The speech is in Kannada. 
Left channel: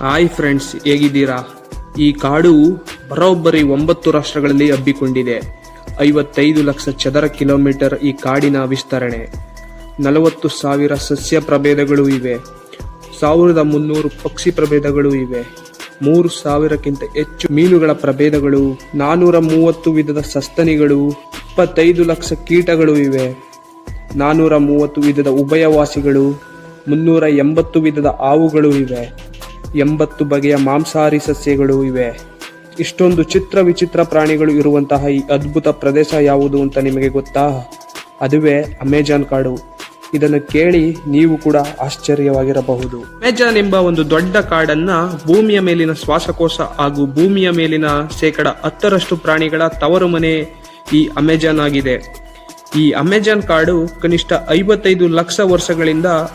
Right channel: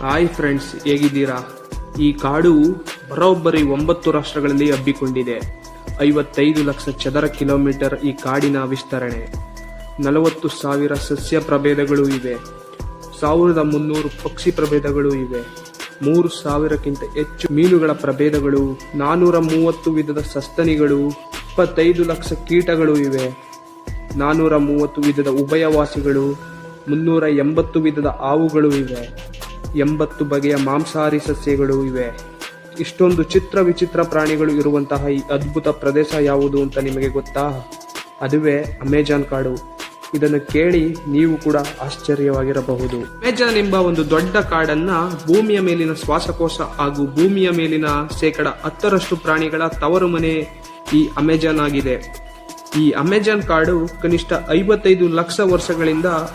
ಹಾಯ್ ಫ್ರೆಂಡ್ಸ್, ಹೇಗಿದ್ದೀರಾ? ಈ ಕಾಡು ಬರೋಬ್ಬರಿ 9 ರಾಷ್ಟ್ರಗಳಲ್ಲಿ ಹಬ್ಬಿಕೊಂಡಿದೆ. 55 ಲಕ್ಷ ಚದರ ಕಿಲೋಮೀಟರ್ ಈ ಕಾಡಿನ ವಿಸ್ತರಣೆ. 40,000 ಸಸ್ಯ ಪ್ರಭೇದಗಳು ಇವೆ. 1,300 ಪಕ್ಷಿ ಪ್ರಭೇದಗಳು ಇವೆ. 3,000ಕ್ಕಿಂತ ಹೆಚ್ಚು ಮೀನುಗಳ ಪ್ರಭೇದಗಳು, 430 ವಿಧದ ಸಸ್ತನಿಗಳು, 25 ಲಕ್ಷ ಕೀಟಗಳು ಇವೆ. 430 ವಿಧದ ಉಭಯವಾಸಿಗಳು, 380 ವಿಧದ ಹಾವುಗಳು ಇವೆ. 80 ಬಗೆಯ ಮಾಂಸಾಹಾರಿ ಸಸ್ಯಗಳು ಇವೆ. ಇಷ್ಟೊಂದು ಚಿತ್ರ ವಿಚಿತ್ರ ಪ್ರಾಣಿಗಳು ಇರುವಂತಹ ಈ ಅದ್ಭುತ ಪ್ರದೇಶ ಯಾವುದು ಅಂತ ನಿಮಗೆ ಗೊತ್ತಾ? ಅದುವೇ ಅಮೆಜಾನ್ ಕಾಡು. ಇದನ್ನು ಕೇಳಿ ನೀವು ಕೂಡ ಆಶ್ಚರ್ಯವಾಗಿರಬಹುದು. ಅಮೆಜಾನ್ ಎಂಬ ಒಂದು ದೊಡ್ಡ ಕಾಡನ್ನ ಭೂಮಿಯ ಮೇಲಿನ ಶ್ವಾಸಕೋಶ ಹಾಗೂ ಭೂಮಿಯ ಮೇಲಿನ 10% ಪ್ರಾಣಿಗಳ ತವರು ಮನೆ ಈ ಅಮೆಜಾನ್ ಆಗಿದೆ. ಈ ಅಮೆಜಾನ್ ಕಾಡು ಕನಿಷ್ಠ 55 ಲಕ್ಷ ವರ್ಷಗಳಿಂದ